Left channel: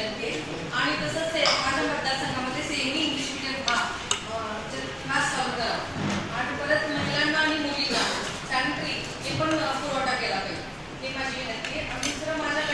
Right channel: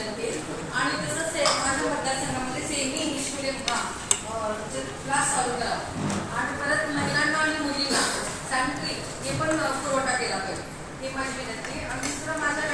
आणि तसंच माझ्या मतदारसंघामध्ये सेमी इंग्लिश मीडियम क्लास चालू करा आणि परत महिलांना आणि मुलींना सॅनिटरी हे पण पुरवठा केला पाहिजे, हे माझी विनंती. आणि दुसरं माझ्या